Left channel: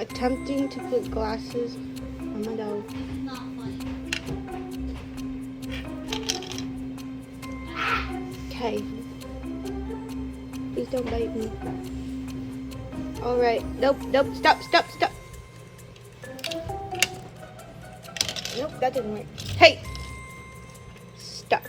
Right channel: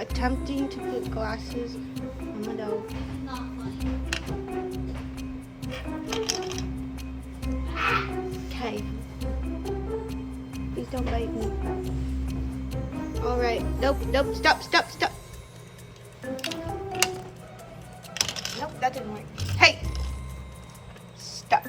attempting to put glasses on my dog. Not funny. Okay. Please don't bite me. Alright. Nope, nope, stop, stop, stop. Nope, that didn't work. Hey! Stop.